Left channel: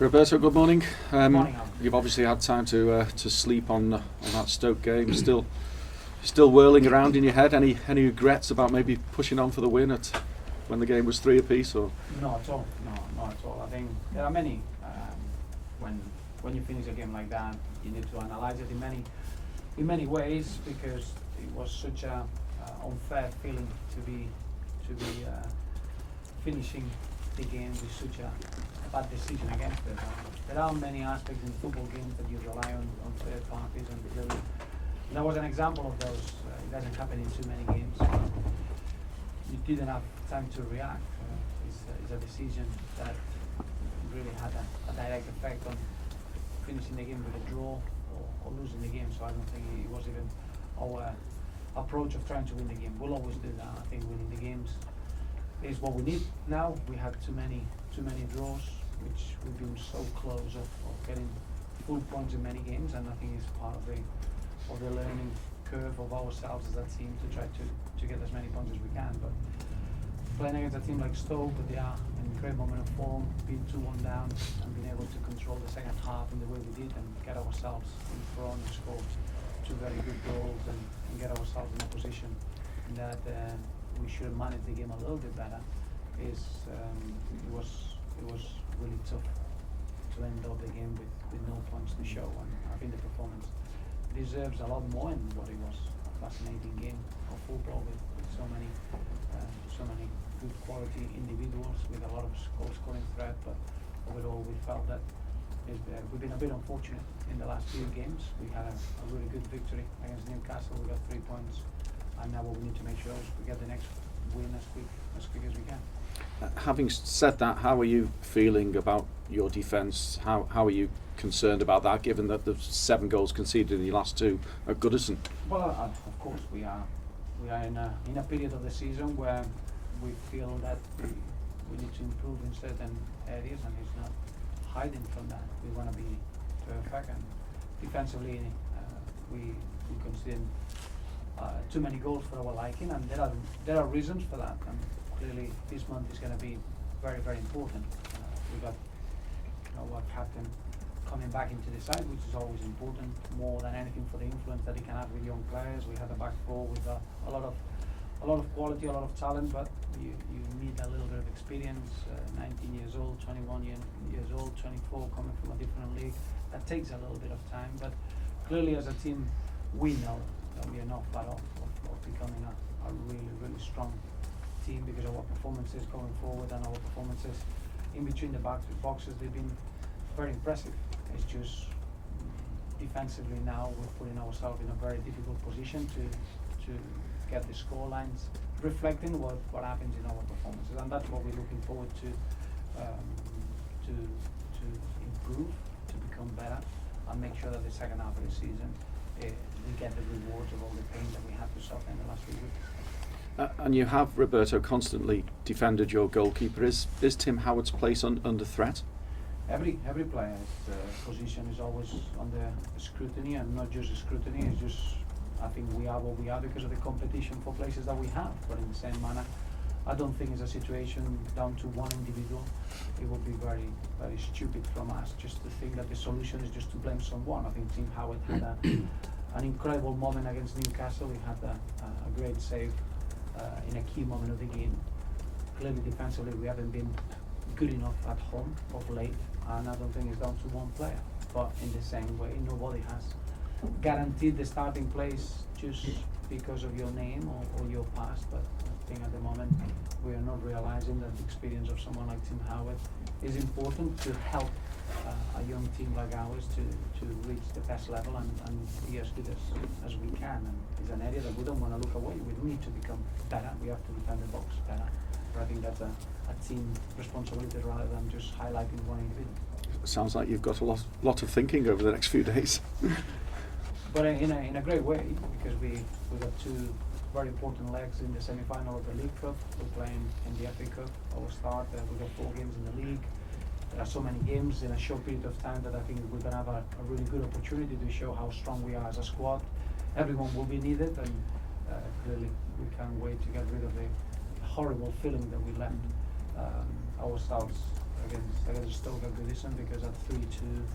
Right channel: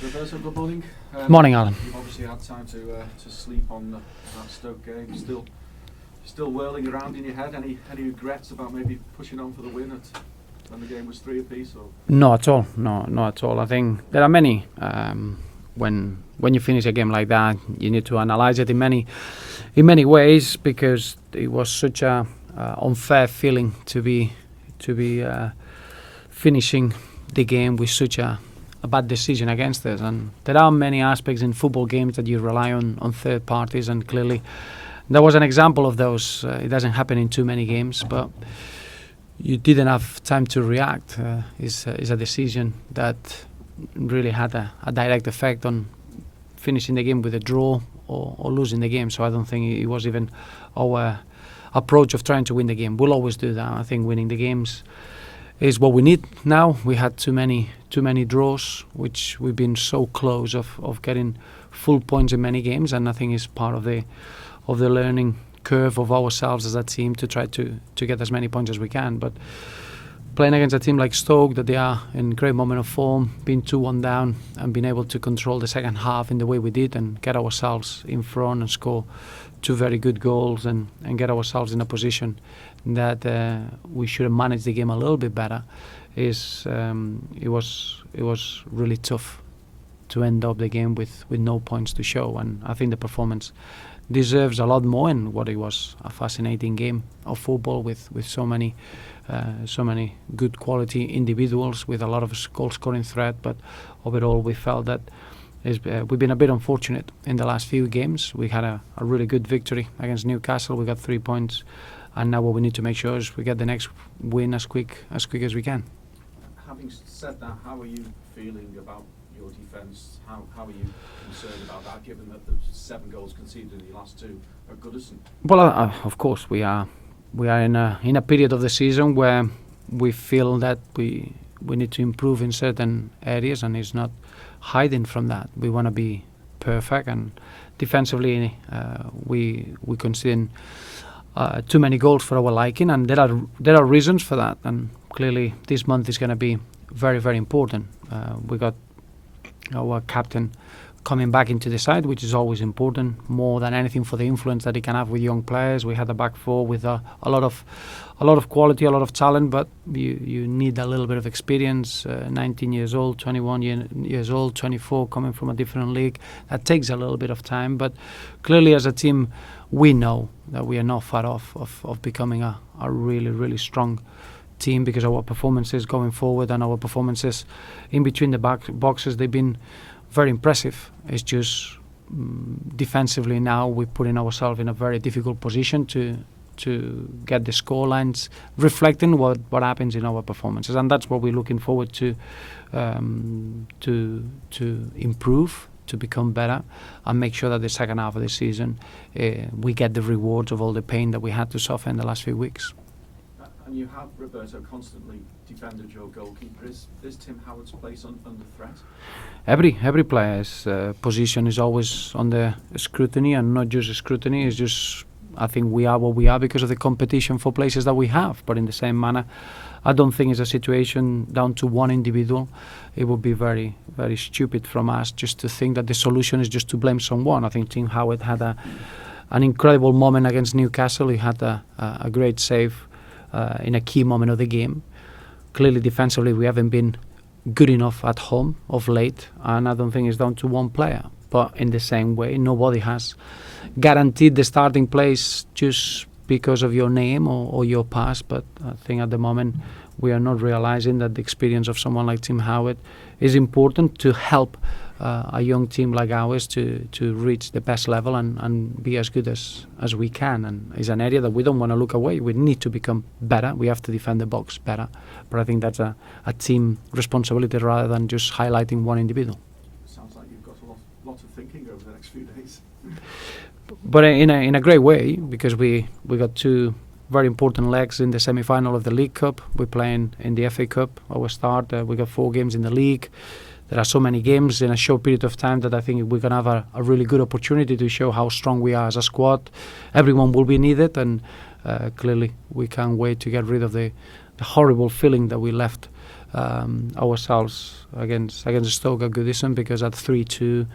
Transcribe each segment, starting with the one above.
Roberto, good morning. Morning, Alan. You've obviously had time to sleep on that Stoke game. Still whirling around in your head. Any regrets about maybe pushing on for the win when the game was 3 apiece? Or Not at all. No, not at all. I think there are many. When you finish a game like that, you need to analyze it in many ways, because it was such a unfair feeling to be finishing the game with such a bad decision against us. And there are many aspects in football games that you rely on third parties, and clearly there was an example of those. It doesn't happen in too many games, but you didn't have time to react. Is a decision that really had a direct effect on finishing the game with a draw or losing the game. So I don't think it was even our approach of trying to win the game. We'll always do that. I think winning the games is what we need now. We had too many draws, which we've been so close of getting full points in many games, and I think it's part of the learning curve of ourselves as a team to try to get as many points as we can. But playing against a team like Stoke, that they are in great moment of form, being 2-1 down and being able to control the second half in the way we did and get ourselves in front and score 2 very good goals and get ourselves in a position that we should have managed the game a little bit better, it was really tough to end up the game with no points to show. And I think the performance deserves a lot more, in what it was a fascinating game of football with so many good quality individuals with a lot of goal scoring threat. But overall we felt that we've been a bit unfortunate in the last few games. We had a really good victory against Newcastle. We got 3 points, and now what we need to make sure is we get the next win as quick as we can. Having said that, how are you feeling about your defence? How are you concerned about that, given that there's 7 goals conceded in the last 2 at Goodison? Well, of course we are in a period of the season where we feel that we need to improve in certain areas, and it's not hiding from that. We want to be perfect, and defensively we concede too many goals for our liking, and there are reasons for that. And clearly this month is going to be very, very important. We got our captain coming back into the side, which is always important, more than anything, for the influence that he can have with young players. We had a back four with a lot of quality, a lot of talent, but you need a little bit of experience. 19 years old, 21 years old, 24, coming from a different league. That takes a little bit of time, but clearly as a team we know that we are not far off of becoming a really, really strong team, because our performances going forward and our performances in between the boxes, they've been very impressive. It's just defensively now we're putting ourselves in a very difficult position to get the score lines reflecting what happens in our performances, and that's what we're looking forward to improve, to become better, and make sure that the second half of the season we get the rewards of all the pain that we had to suffer in the last few weeks. And you have, Roberto, constantly defended your goalkeeper. Is Tim Howard's place under threat? Every player's position is always under scrutiny, and not just scrutiny. It's just, I think we are what we are because of the competition for places that we have. But in the same manner, I don't think it's a situation down to one individual. It would be very, very stupid from us just to think that the solution is just to blame someone. I think Tim Howard had an incredible moment against Newcastle. He had a great save in a key moment of the game. Clearly defensively we haven't been good enough at home of late, and I don't think it's down to one player. But in the same way, nobody has guaranteed the starting place just because of your name or your past. But I think at the moment we are not realizing that the experience of someone like Tim Howard is important to help a young team like ours to reach the best level and be as good as we can. And it's an area that we don't want to look away. We need to become better. We have to defend the box better. But I think that's a team responsibility rather than just highlighting one individual. Sounds like you've got a lot of thinking over the next few days. But in a great way, because we got 2 very important legs in the semi-final of the League Cup. We're playing in the FA Cup, our start. We got 4 games in the league. There are so many games in a short period of time that I think we're going to have a really good opportunity to show how strong we are as a squad. Everyone will be needed, and clearly we can't wait to get rid of the horrible feeling that we left ourselves against Stoke at Goodison, because at 3-2,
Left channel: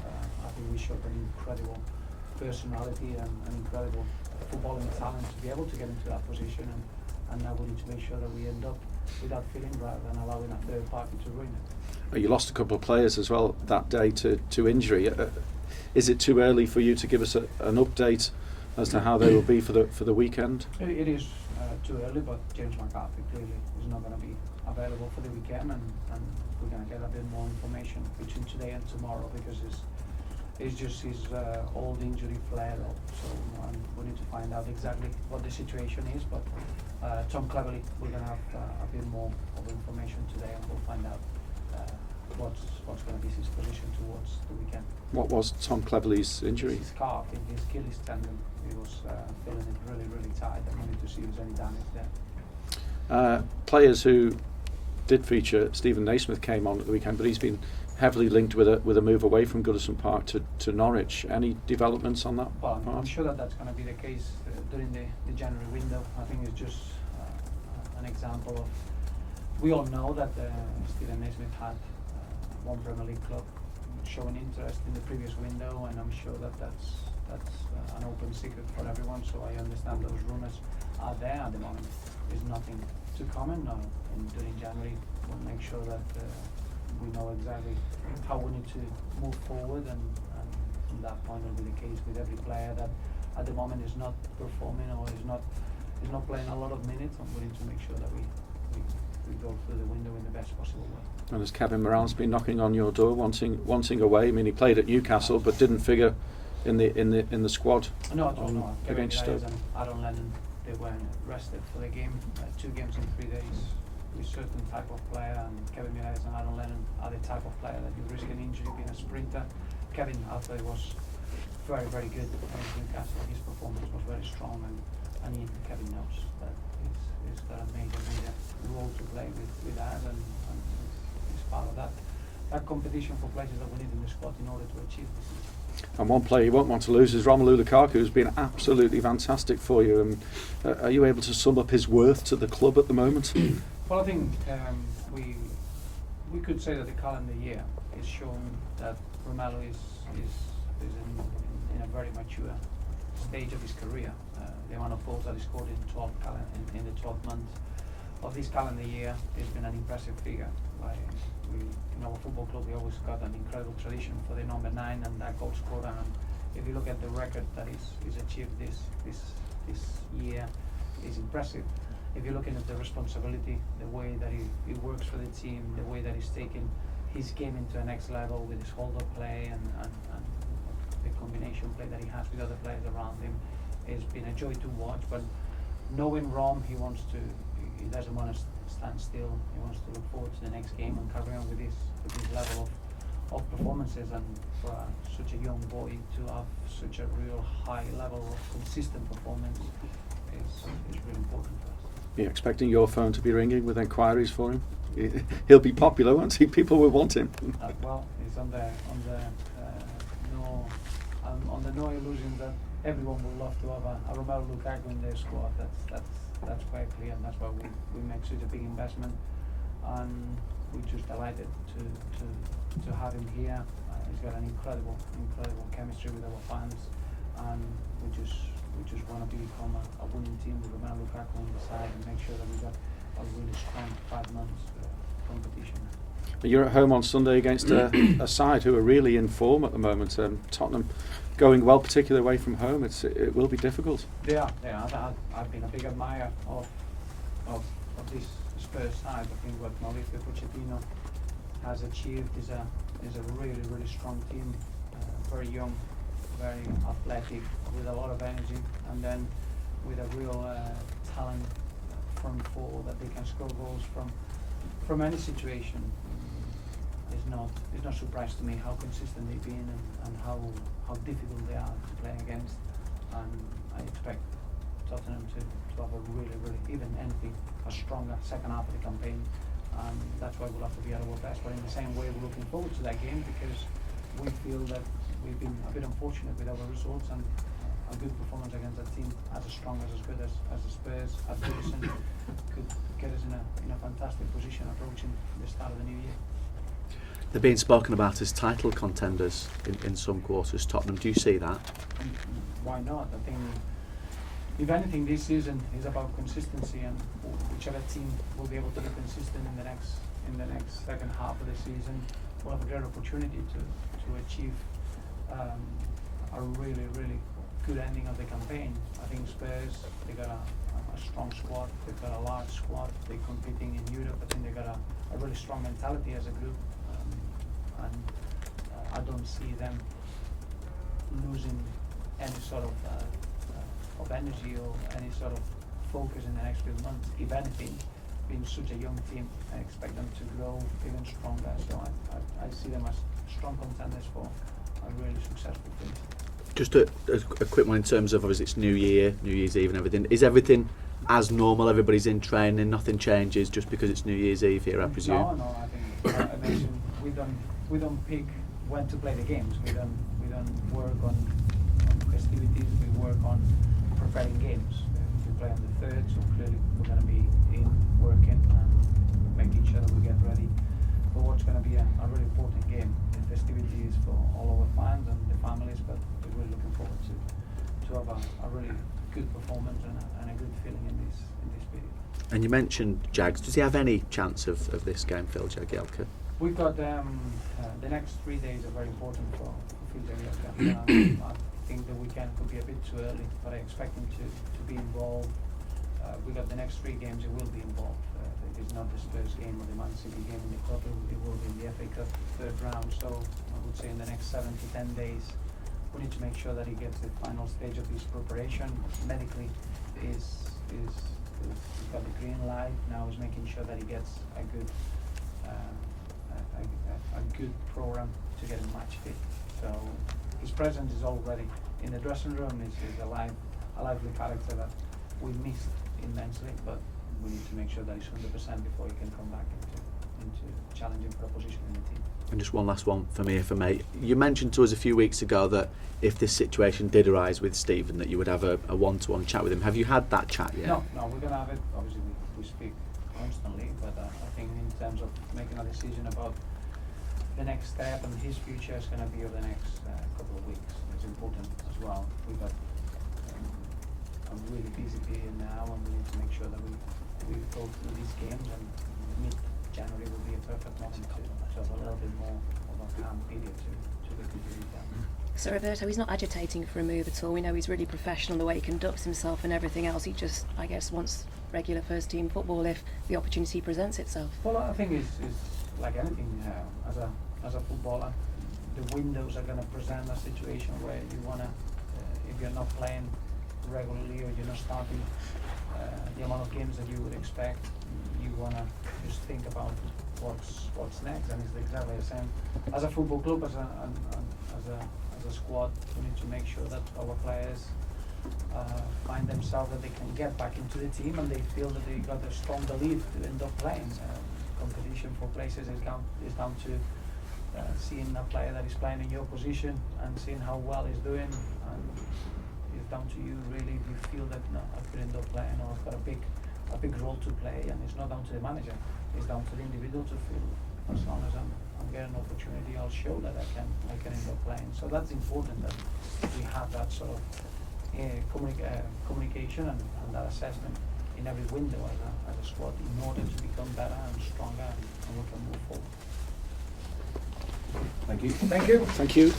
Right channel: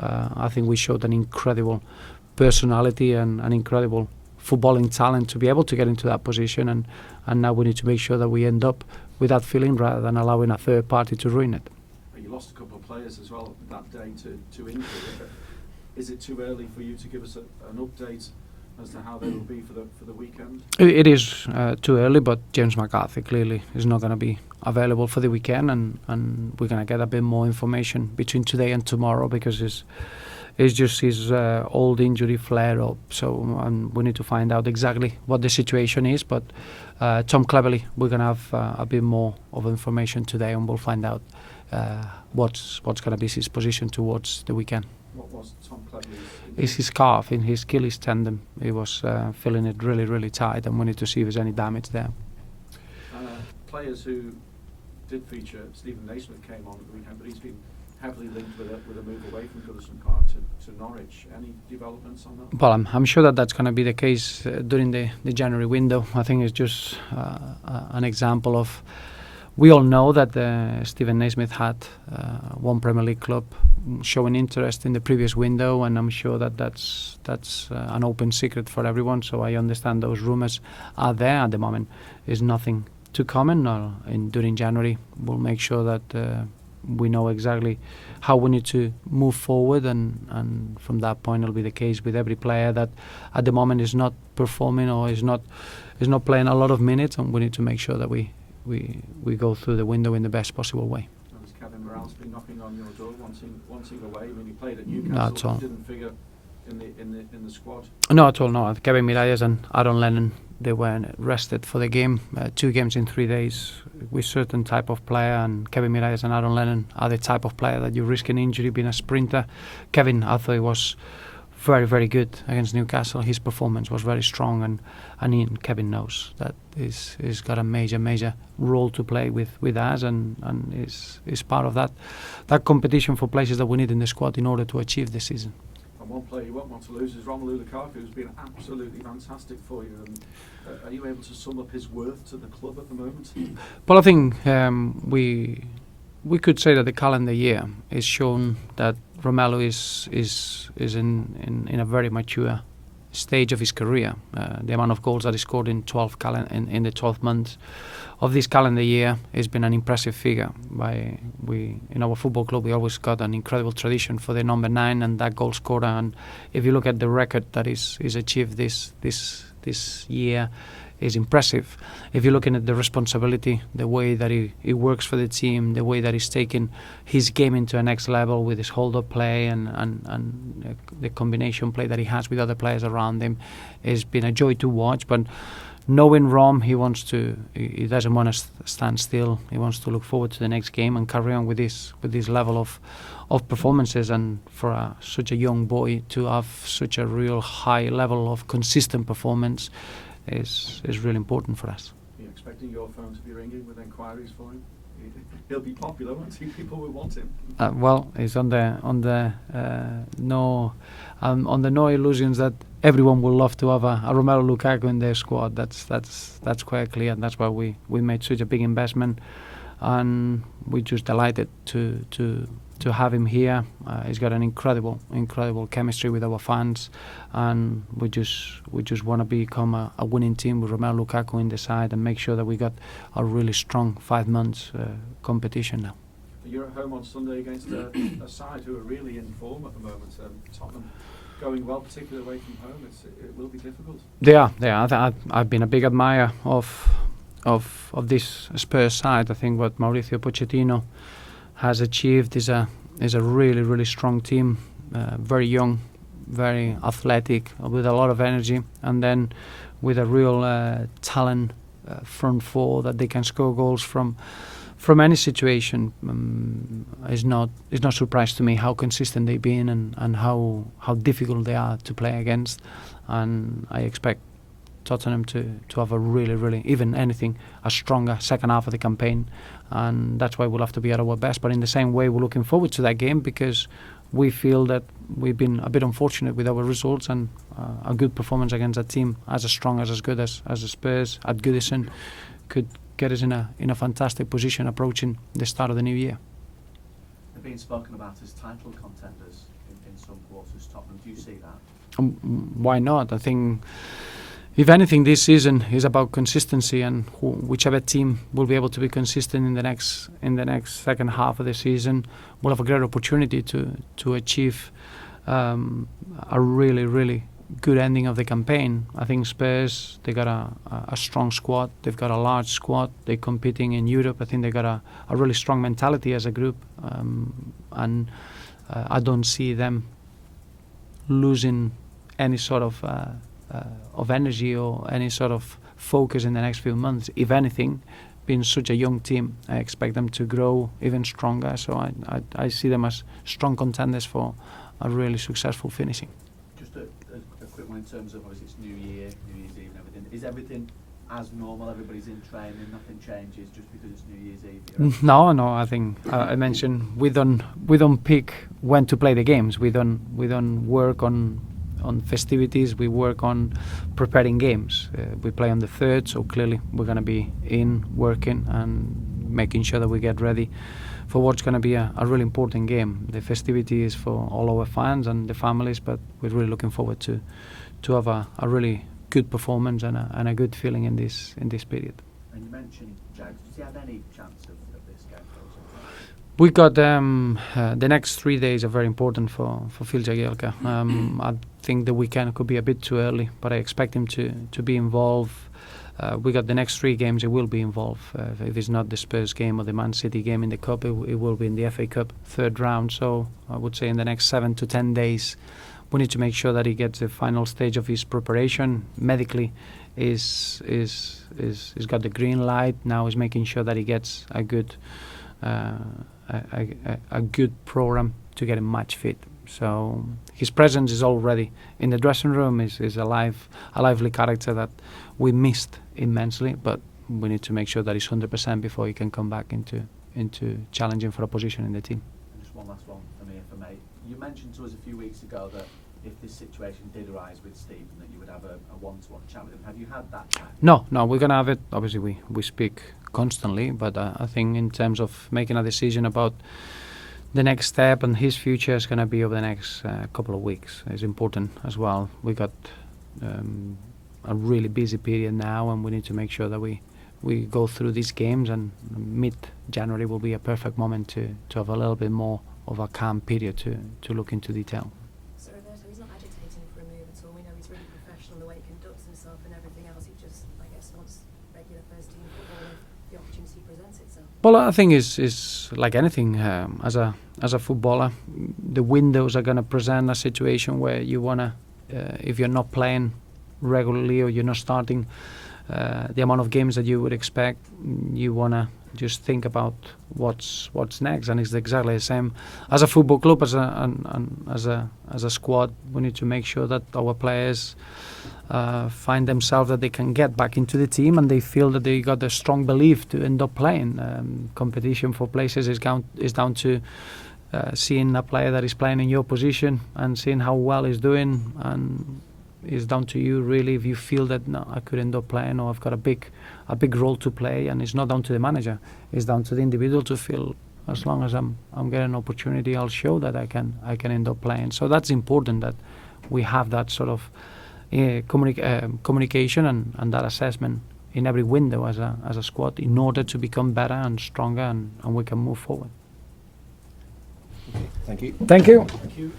I think we showed an incredible personality and an incredible footballing talent to be able to get into that position, and now we need to make sure that we end up with that feeling rather than allowing a third party to ruin it. You lost a couple of players as well that day to injury. Is it too early for you to give us an update as to how they will be for the weekend? It is too early, but James McCarthy clearly is not going to be available for the weekend, and we're going to get a bit more information between today and tomorrow, because it's just his old injury flare up. So we need to find out exactly what the situation is. But Tom Cleverley, we're going to have a bit more of information today, and we'll find out what's going to be his position towards the weekend. What was Tom Cleverley's injury? It's his calf, in his Achilles tendon. He was feeling it really, really tight, and we need to see if there's any damage there. Players who did feature, Stephen Naismith came on at the weekend, but he's been heavily linked with a move away from Goodison Park to Norwich. Any developments on that? Well, I'm sure that's going to be the case during the January window. I think it's just an example of, we all know that Stephen Naismith had one Premier League club showing interest in the previous window, and I'm sure that's an open secret for everyone. So I understand those rumours are there at the moment. There's nothing to comment on. During January, we'll make sure that we know exactly how we need to move forward, and from that point it'll be the case with every player that at the moment is not performing or is not playing a lot of minutes, and we need to make sure that we go through the window in the best possible way. And has Kevin Morales been knocking on your door, wanting away? I mean, he played at Newcastle but didn't figure in the squad. No, at all. No, Kevin Miralles and Aaron Lennon, they were rested for the game. 2 games in 3 days with certain type of player, and Kevin Miralles and Aaron Lennon are the type of player that you risk an injury being a sprinter. Kevin, I thought he was very, very good against Newcastle. His performance was very strong, and Kevin knows that he's got a major role to play with us, and is part of that competition for places that we need in the squad in order to achieve this season. And one player you won't want to lose is Romelu Lukaku, who's been absolutely fantastic for you. Are you able to sum up his worth to the club at the moment? Well, I think we could say that the calendar year is shown that Romelu is in a very mature stage of his career. The amount of goals that he scored in the 12 months of this calendar year has been an impressive figure. In our football club, we always got an incredible tradition for the number 9 and that goal scorer. And if you look at the record that is achieved this year, is impressive. If you're looking at the responsibility, the way that he works for the team, the way that he's taken his game into a next level with his hold-up play and the combination play that he has with other players around him, has been a joy to watch. But knowing Rom, he doesn't want to stand still. He wants to look forward to the next game and carry on with this level of performances. And for such a young boy to have such a real high level of consistent performance is really important for us. Are you expecting your phone to be ringing with inquiries for him? He'll be popular, won't he? People will want him. Well, it's on the no illusions that everyone will love to have a Romelu Lukaku in their squad. That's quite clear, and that's why we made such a big investment, and we're just delighted to have him here. He's got an incredible chemistry with our fans, and we just want to become a winning team with Romelu Lukaku in the side and make sure that we got a really strong 5 months competition now. You're at home on Sunday against a side who are really in form at the moment. Tottenham going well, particularly away from home. It will be difficult. They are. I've been a big admirer of this Spurs side. I think what Mauricio Pochettino has achieved is a really strong team, very young, very athletic, with a lot of energy, and then with a real talent front four that they can score goals from any situation. It's not a surprise to me how consistent they've been and how difficult they are to play against, and I expect Tottenham to have a really, even anything, a stronger second half of the campaign, and that's why we'll have to be at our best. But in the same way, we're looking forward to that game because we feel that we've been a bit unfortunate with our results, and a good performance against a team as strong, as good as the Spurs at Goodison get us in a fantastic position approaching the start of the new year. They're being spoken about as title contenders in some quarters. Tottenham, do you see that? Why not? I think, if anything, this season is about consistency, and whichever team will be able to be consistent in the next second half of the season will have a great opportunity to achieve a really good ending of the campaign. I think Spurs, they got a strong squad. They've got a large squad. They're competing in Europe. I think they got a really strong mentality as a group, and I don't see them losing any sort of energy or any sort of focus in the next few months. If anything, being such a young team, I expect them to grow even stronger. So I see them as strong contenders for a really successful finishing. Just a quick one in terms of, obviously it's New Year's Eve and everything. Is everything as normal? Everybody's in training, nothing changes just because it's New Year's Eve here? No. I think I mentioned we don't pick when to play the games. We don't work on festivities. We work on preparing games. We play on the 3rd, so clearly we're going to be in working and making sure that we get ready for what's going to be a really important game. The festivity is for all our fans and the families, but we're really looking forward to have a really good performance and a good feeling in this period. And you mentioned Jags. Does he have any chance of this game, Phil Jagielka? We got the next 3 days are very important for Phil Jagielka. I think the weekend could be a bit too early, but I expect him to be involved. We got the next 3 games. He will be involved. If it's not the Spurs game or the Man City game in the Cup, it will be in the FA Cup 3rd round. So I would say in the next 7 to 10 days, we need to make sure that he gets the final stage of his preparation. Medically, is got the green light. Now is making sure that he gets a good program to get him match fit. So his presence is already in the dressing room. Is a lively character that we missed immensely, but we need to make sure that he's 100% before he can come back into challenging for a position in the team. And just one last one for me, if I may. You mentioned to us a few weeks ago that if this situation did arise with Stephen, that you would have a one-to-one chat with him. Have you had that chat yet? No, we're gonna have it. Obviously, we speak constantly, but I think in terms of making a decision about the next step and his future is going to be over the next couple of weeks. It's important as well. We got a really busy period now, and we need to make sure that we go through these games, and mid-January will be a perfect moment to have a little bit more of a calm period to look into detail. So Roberto, he's not agitating for a move at all. We know he's really professional, the way he conducts himself and everything else. He just, I guess, wants regular first team football if the opportunity presents itself. Well, I think is like anything. As a footballer, the windows are going to present a situation where you wanna, if you're not playing regularly or you're not starting the amount of games that you would expect, you wanna just think about what's next. And it's exactly the same as a football club, as a squad. We need to make sure that our players find themselves that they can get back into the team, and they feel that they got a strong belief to end up playing. Competition for places is down to seeing a player that is playing in your position and seeing how well he's doing, and it's down to you really if you feel that no, I could end up playing, or I've got a big role to play. And it's not down to the manager, it's down to the individual to feel, as long as I'm getting an opportunity, I'll show that I can end up playing. So that's important, that we have that sort of communication and that assessment in every window as a squad, in order to become better and stronger, and we can move forward. Thank you. Thank you. Thank you.